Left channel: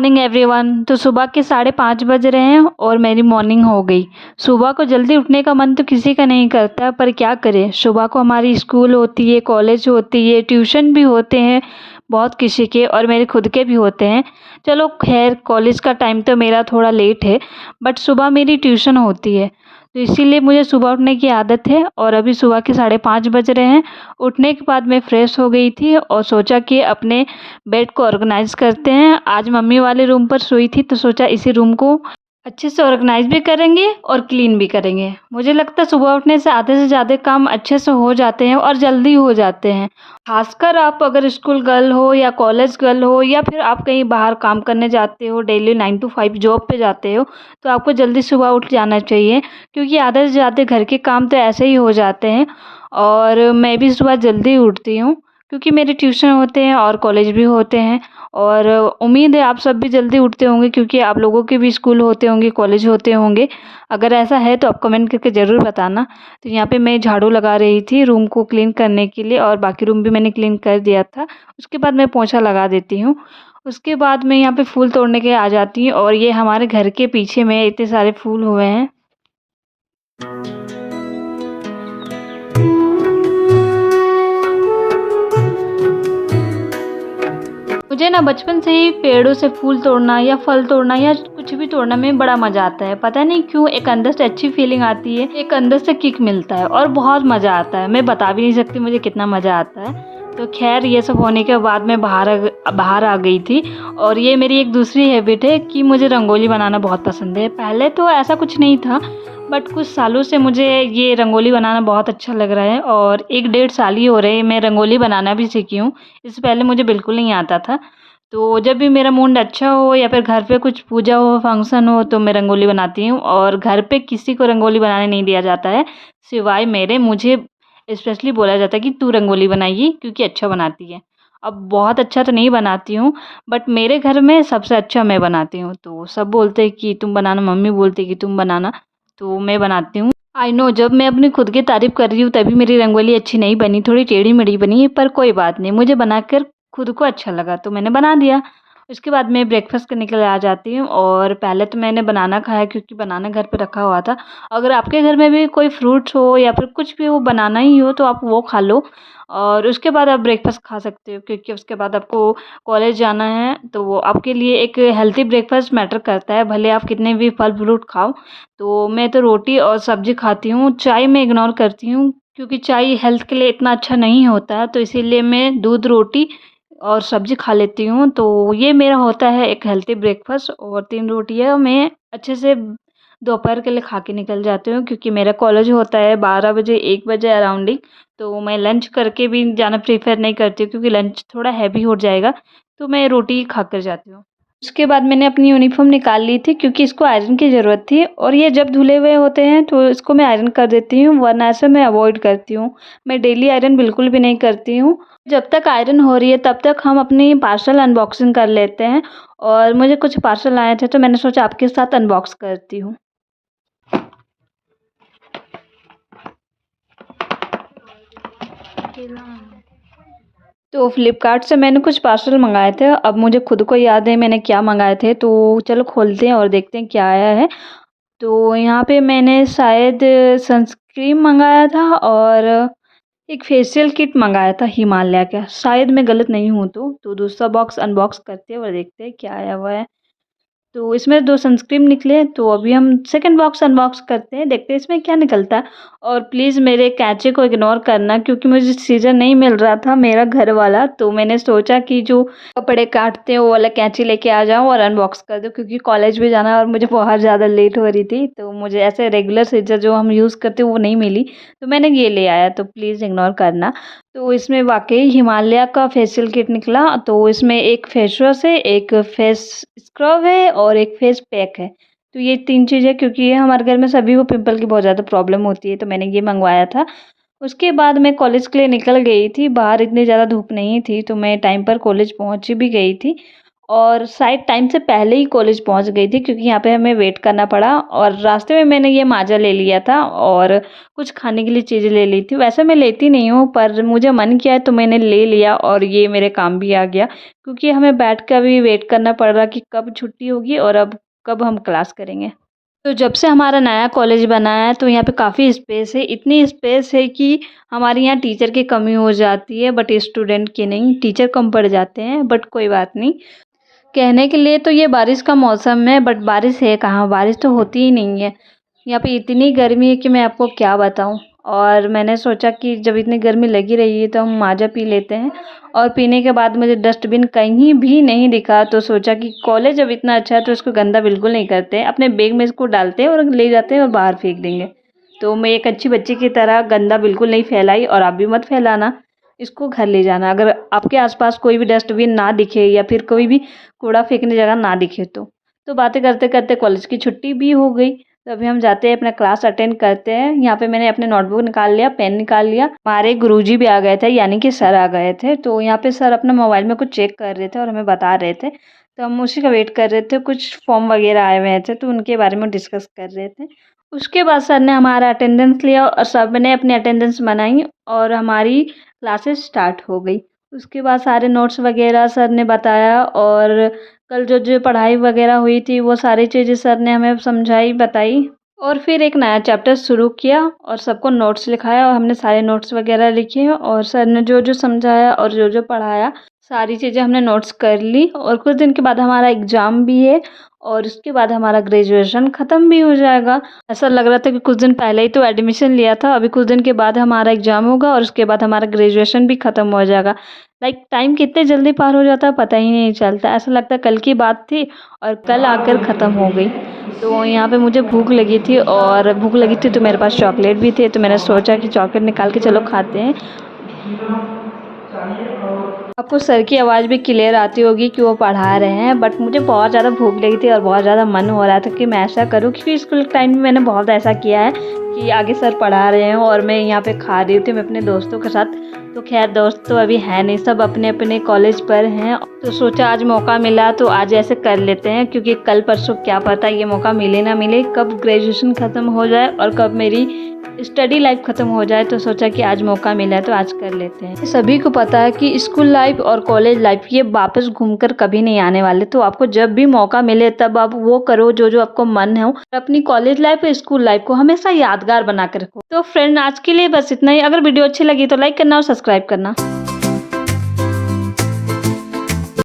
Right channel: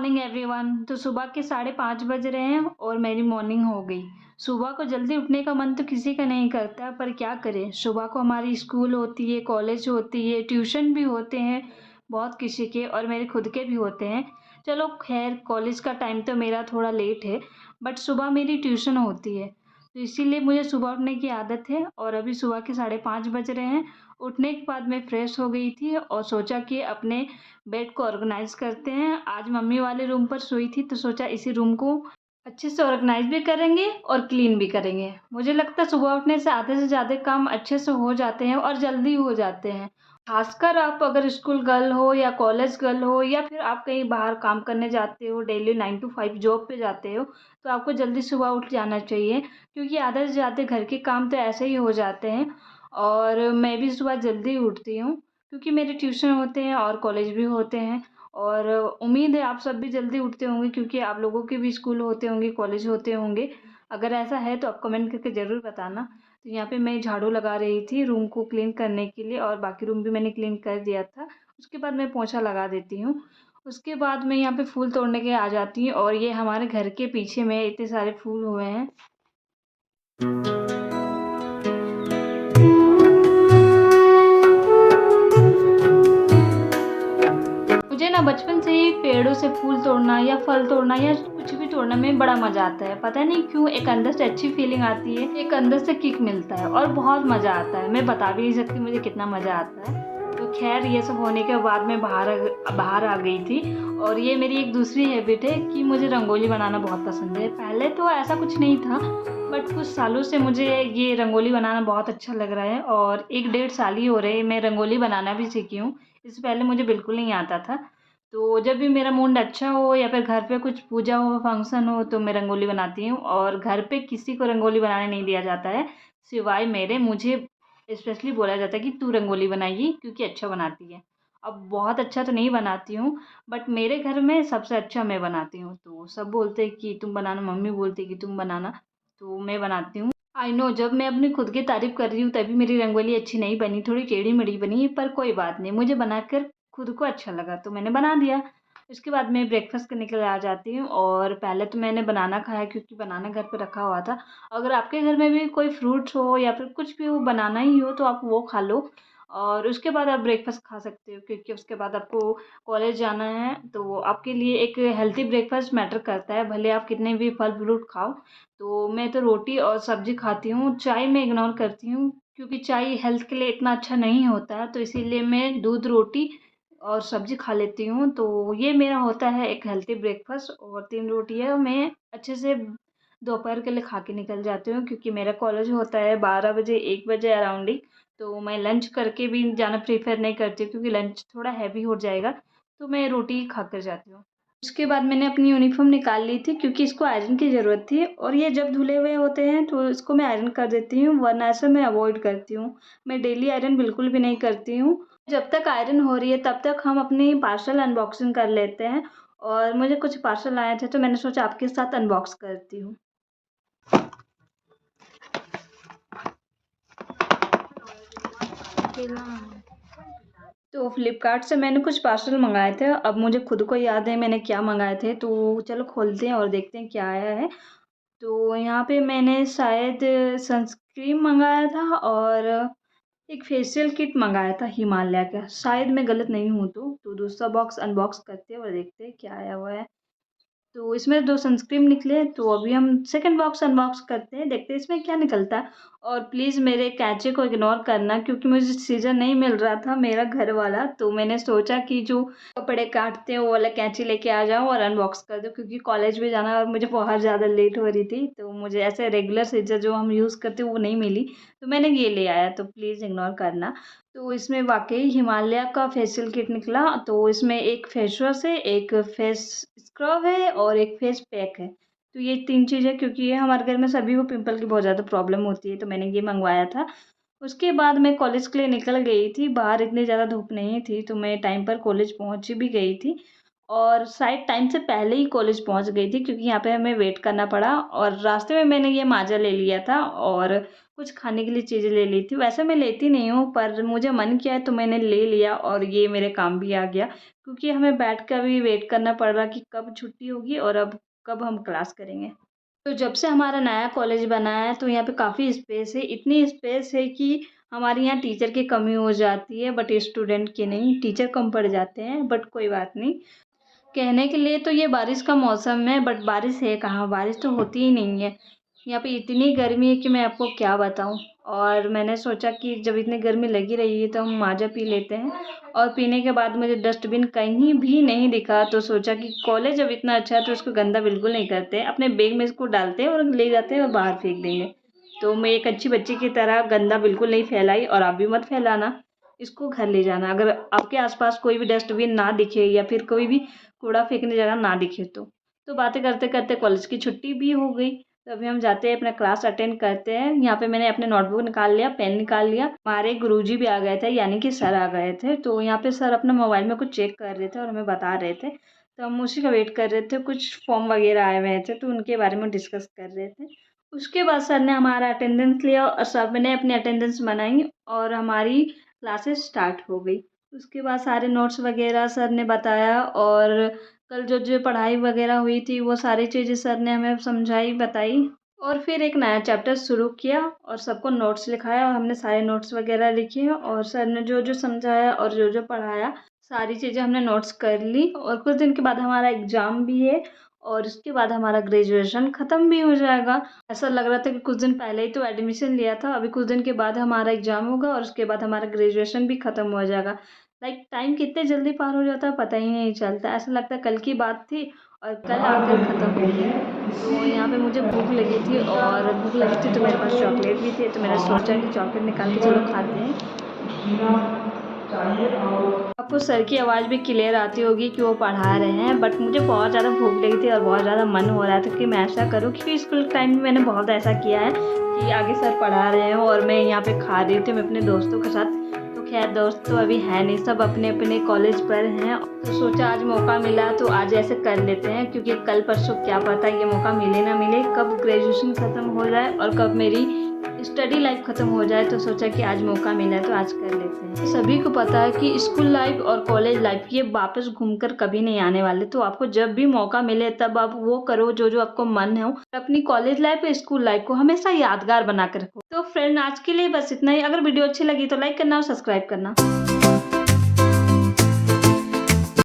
Morning everyone. तो सुबह के 5:30 बज रहे हैं और मेरी मॉर्निंग हो गई। सुबह को जल्दी उठने का मन तो किसी का नहीं करता, पर क्या करें, सुबह को हमारी स्कूल होती है, कॉलेज होती है, ट्यूशन भी होते हैं बहुत किसी के, और मेरे खुद के भी होते हैं। चलो खैर, कॉलेज का टाइम तो मेरा थोड़ा लेट है, बट सुबह मेरी ट्यूशन होती है, तो इसीलिए मुझे सुबह उठने की आदत है। और अभी सुबह के 5:30 बज रहे हैं। उठने के बाद मैं फ़्रेश हो गई थी और सोचा कि अपने बेड को ऑर्गेनाइज़ करते हैं। आज मम्मी वाले रूम पर सोई थी, तो सोचा इसी रूम को अच्छे से ऑर्गेनाइज़ भी करेंगे और क्लीन भी करेंगे। मुझे लगता है सुबह उठने से आधे से ज़्यादा काम अच्छे से हो जाते हैं और जल्दी हो जाते हैं। ख़ासकर आप अगर स्कूल गर्ल हो या कॉलेज गर्ल हो, या फिर आप कहीं बाहर काम करने जाते हो, डेली 9 टू 5 जॉब पे जाते हो, तो आपको जल्दी सुबह उठ जाना चाहिए, क्योंकि आधे से ज़्यादा घर के काम तो ऐसे ही हो जाते हैं। और मैं भी सुबह जल्दी उठती हूँ, क्योंकि मेरे ट्यूशन होते हैं और कॉलेज भी होते हैं। और उम्मीद है आप सब भी जल्दी उठते होंगे, क्योंकि आप लोगों के भी स्कूल होते होंगे, कॉलेज होते होंगे। अगर ऐसा है तो आप कमेंट करके ज़रूर बताना। तो यहाँ पे मैं झाड़ू लगा रही थी रूम को क्लीन करने के लिए, और बाकी रूम भी मैंने क्लीन कर दिया था। उसके बाद मैं पोंछा लगा देती हूँ। उसके बाद मैं यहाँ पे फूल तोड़ने के आ जाती हूँ, और ये हमारे घर के पीछे में इतने सारे फूल हुए हैं। मुझे ना बचपन से ही पेड़ों से फूल तोड़ना या फल तोड़ना या कुछ भी तोड़ना में बड़ा मज़ा आता है। पता नहीं क्यों, एक अंदर से अच्छी फीलिंग आती है, एक अंदर से किक मिलता है और बहुत मज़ा आता है। मैं बता भी नहीं सकती मुझे कितना मज़ा आता है। तो खैर, ये सब होने के बाद मैं बाहर आ गई थी। और ये मेरी एक दूसरी हैबिट है कि मुझे रंगोली बनाना बहुत पसंद है। पहले तो ऐसा कुछ नहीं था, बट कुछ सालों से मुझे ये रंगोली बनाना बहुत अच्छा लग रहा है, और 1 डेढ़ साल ही हो रहे हैं मैं रंगोली बनाना भी सीखी हूँ। इससे पहले मुझे बिल्कुल नहीं आता था। तो जब भी मेरा मूड अच्छा हो या फिर घर पे कुछ पूजा हो, फंक्शन हो, तो मैं रंगोली बनाती हूँ। और घर पे किसी को रंगोली बनाने नहीं दिया जाता है, सिवाय मेरे। मुझे स्पेशली बोला जाता है कि तू रंगोली बनाइए, क्योंकि अच्छा बनाती है। अब बहुत अच्छा तो नहीं बनाती हूँ, बट मेरे घर में सबसे अच्छा मैं बनाती हूँ। तो सब बोलते हैं कि तुम बनाना, मम्मी बोलती है कि तुम बनाना, तो मैं बनाती हूँ। आई नो, जब मैं अपनी खुद की तारीफ़ कर रही हूँ तभी मेरी रंगोली अच्छी नहीं बनी, थोड़ी टेढ़ी-मेढ़ी बनी, पर कोई बात नहीं, मुझे बनाकर खुद को अच्छा लगा तो मैंने बना दिया। उसके बाद मैं ब्रेकफ़ास्ट करने के लिए आ जाती हूँ, और पहले तो मैंने बनाना खाया, क्योंकि बनाना घर पे रखा हुआ था। अगर आपके घर में भी कोई फ्रूट्स हो या फिर कुछ भी हो, बनाना ही हो, तो आप वो खा लो, और उसके बाद आप ब्रेकफ़ास्ट खा सकते हो, क्योंकि उसके बाद आपको कॉलेज जाना है, तो वो आपके लिए एक हेल्दी ब्रेकफ़ास्ट मैटर करता है, भले आप कितने भी फल फ्रूट खाओ। तो मैं तो रोटी और सब्ज़ी खाती हूँ, चाय मैं इग्नोर करती हूँ, क्योंकि चाय हेल्थ के लिए इतना अच्छा नहीं होता, तो इसीलिए मैं दूध, रोटी और सब्ज़ी खा लेती हूँ। तो ये मेरा होता है एक हेल्दी ब्रेकफ़ास्ट, और 3 रोटियाँ मैं अच्छे से दोपहर के लिए खा के निकल जाती हूँ, क्योंकि मेरा कॉलेज होता है 12 बजे, 1 बजे अराउंडिंग। तो मैं लंच करके भी जाना प्रेफ़र नहीं करती हूँ, क्योंकि लंच थोड़ा हैवी हो जाएगा, तो मैं रोटी ही खाकर जाती हूँ। उसके बाद मैंने अपनी यूनिफ़ॉर्म निकाल ली थी, क्योंकि इसको आयरन की ज़रूरत थी, और ये जब धुले हुए होते हैं तो इसको मैं आयरन कर देती हूँ, वरना ऐसे मैं अवॉइड करती हूँ। मैं डेली आयरन बिल्कुल भी नहीं करती हूँ। जब तक आयरन हो रही है तब तक हम अपनी पार्सल अनबॉक्सिंग कर लेते हैं, और मुझे कुछ पार्सल आए थे, तो मैंने सोचा आपके साथ अनबॉक्स करती हूँ। तो फ्लिपकार्ट से मैंने कुछ पार्सल मँगाए थे। अब मुझे खुद को याद है मैंने क्या मँगाए थे, तो चलो खोलते हैं और देखते हैं क्या आया है। तो यहाँ पे मैंने शायद सनस्क्रीन मँगाया था, और एक फेशियल किट मँगाया था हिमालय का, शायद मैं गलत नहीं हूँ तो दूसरा बॉक्स अनबॉक्स करते हैं और देखते हैं क्या आया हुआ है। तो इसमें 2 सनस्क्रीन निकले, तो अभी हम सेकंड बॉक्स अनबॉक्स करते हैं, देखते हैं इसमें क्या निकलता है। और प्लीज़ मेरे कैंची को इग्नोर करना, क्योंकि मुझे सीज़र नहीं मिल रहा था मेरा घर वाला, तो मैंने सोचा कि जो कपड़े काटते हैं वो वाला कैंची लेके आ जाऊँ और अनबॉक्स कर दूँ, क्योंकि कॉलेज भी जाना है और मुझे बहुत ज़्यादा लेट हो रही थी, तो मुझे ऐसे रेगुलर सीज़र जो हम यूज़ करते हैं वो नहीं मिली, तो मैंने ये ले आया, तो प्लीज़ इग्नोर करना। तो इसमें वाक़ई हिमालय का फेशियल किट निकला, तो इसमें एक फेस वॉश है, एक फेस स्क्रब है और एक फेस पैक है। तो ये 3 चीज़ें, क्योंकि ये हमारे घर में सभी को पिंपल की बहुत ज़्यादा प्रॉब्लम होती है, तो मैंने ये मँगवाया था। उसके बाद मैं कॉलेज के लिए निकल गई थी, बाहर इतनी ज़्यादा धूप नहीं थी, तो मैं टाइम पर कॉलेज पहुँच भी गई थी। और शायद टाइम से पहले ही कॉलेज पहुंच गई थी क्योंकि यहाँ पे हमें वेट करना पड़ा और रास्ते में मैंने ये माजा ले लिया था और कुछ खाने के लिए चीज़ें ले ली थी। वैसे मैं लेती नहीं हूँ पर मुझे मन किया है तो मैंने ले लिया और ये मेरे काम भी आ गया क्योंकि हमें बैठ कर भी वेट करना पड़ रहा कि कब छुट्टी होगी और अब कब हम क्लास करेंगे। तो जब से हमारा नया कॉलेज बना है तो यहाँ पे काफ़ी स्पेस है, इतनी स्पेस है कि हमारे यहाँ टीचर की कमी हो जाती है बट स्टूडेंट की नहीं। टीचर कम पड़ जाते हैं बट कोई बात नहीं। कहने के लिए तो ये बारिश का मौसम है बट बारिश है कहाँ, बारिश तो होती ही नहीं है। यहाँ पे इतनी गर्मी है कि मैं आपको क्या बताऊँ। और मैंने सोचा कि जब इतनी गर्मी लगी रही है तो हम माज़ा पी लेते हैं और पीने के बाद मुझे डस्टबिन कहीं भी नहीं दिखा तो सोचा कि कॉलेज जब इतना अच्छा है तो इसको गंदा बिल्कुल नहीं करते, अपने बैग में इसको डालते हैं और ले जाते हैं और बाहर फेंक देंगे। तो मैं एक अच्छी बच्ची की तरह गंदा बिल्कुल नहीं फैलाई और आप भी मत फैलाना, इसको घर ले जाना। अगर आपके आसपास कोई भी डस्टबिन ना दिखे या फिर कोई भी कूड़ा फेंकने जगह ना दिखे तो बातें करते करते कॉलेज की छुट्टी भी हो गई। तो अभी हम जाते हैं अपना क्लास अटेंड करते हैं। यहाँ पे मैंने अपने नोटबुक निकाल लिया, पेन निकाल लिया। हमारे गुरुजी भी आ गए थे यानी कि सर आ गए थे। तो यहाँ पे सर अपना मोबाइल में कुछ चेक कर रहे थे और हमें बता रहे थे तो हम उसी का वेट कर रहे थे। कुछ फॉर्म वगैरह आए हुए थे तो उनके बारे में डिस्कस कर रहे थे। उसके बाद सर ने हमारा अटेंडेंस लिया और सब ने अपनी अटेंडेंस बनाई और हमारी क्लासेस स्टार्ट हो गई। उसके बाद सारे नोट्स वगैरह सर ने बताया और कल जो जो पढ़ाई वगैरह हुई थी वो सारी चीज़ें सर ने हमें समझाई बताई। और फिर एक नया चैप्टर शुरू किया और सबको नोट्स लिखाया और हमने सारे नोट्स वगैरह लिखे और सर ने जो जो समझाया और जो जो पढ़ाया सारी चीज़ें हमने नोट्स कर ली। और कुछ दिन के बाद हमारा एग्ज़ाम भी है और उसके बाद हमारा ग्रेजुएशन ख़त्म भी हो जाएगा। ऐसा लग रहा था कि कुछ दिन पहले ही तो एडमिशन लिया था, अभी कुछ दिन के बाद हमारा एग्ज़ाम होगा और उसके बाद हमारा ग्रेजुएशन भी ख़त्म हो जाएगा। लाइक टाइम कितने जल्दी पार हो जाता है पता ही नहीं चलता। ऐसा लगता है कल की बात थी और कल आकर ख़त्म हो गई। तो यहाँ पे मुझे भूख लगी थी और भूख लगी थी तो मेरे पास चॉकलेट भी थे तो मैंने सोचा कि चॉकलेट निकाल के चलो खाते हैं। आपको सर की आवाज़ भी क्लियर आती होगी कि वो पढ़ा रहे हैं बट मुझे बहुत ज़्यादा भूख लगी थी और बहुत ज़्यादा मन हो रहा था कि मैं ऐसा करूँ क्योंकि स्कूल टाइम में मैंने बहुत ऐसा किया है कि आगे सर पढ़ा रहे हैं और मैं यहाँ पे खा रही थी मैं अपने दोस्तों के साथ। तो खैर दोस्त तो अभी है नहीं, सब अपने अपने कॉलेज पर हैं तो सोचा आज मौका मिला तो आज ऐसे कर लेते हैं क्योंकि कल परसों क्या पता ये मौका मिले ना मिले, कब ग्रेजुएशन ख़त्म हो जाए और कब मेरी स्टडी लाइफ ख़त्म हो जाए। तो सोचा कि आज मौका मिला है तो आज कर लेते हैं। सभी को पता है कि स्कूल लाइफ और कॉलेज लाइफ ये वापस घूमकर कभी नहीं आने वाले, तो आपको जब भी मौका मिले तब आप वो करो जो जो आपको मन हो। अपनी कॉलेज लाइफ और स्कूल लाइफ को हमेशा यादगार बना कर रखो। तो फ्रेंड आज के लिए बस इतना ही। अगर वीडियो अच्छी लगी तो लाइक करना और सब्सक्राइब करना।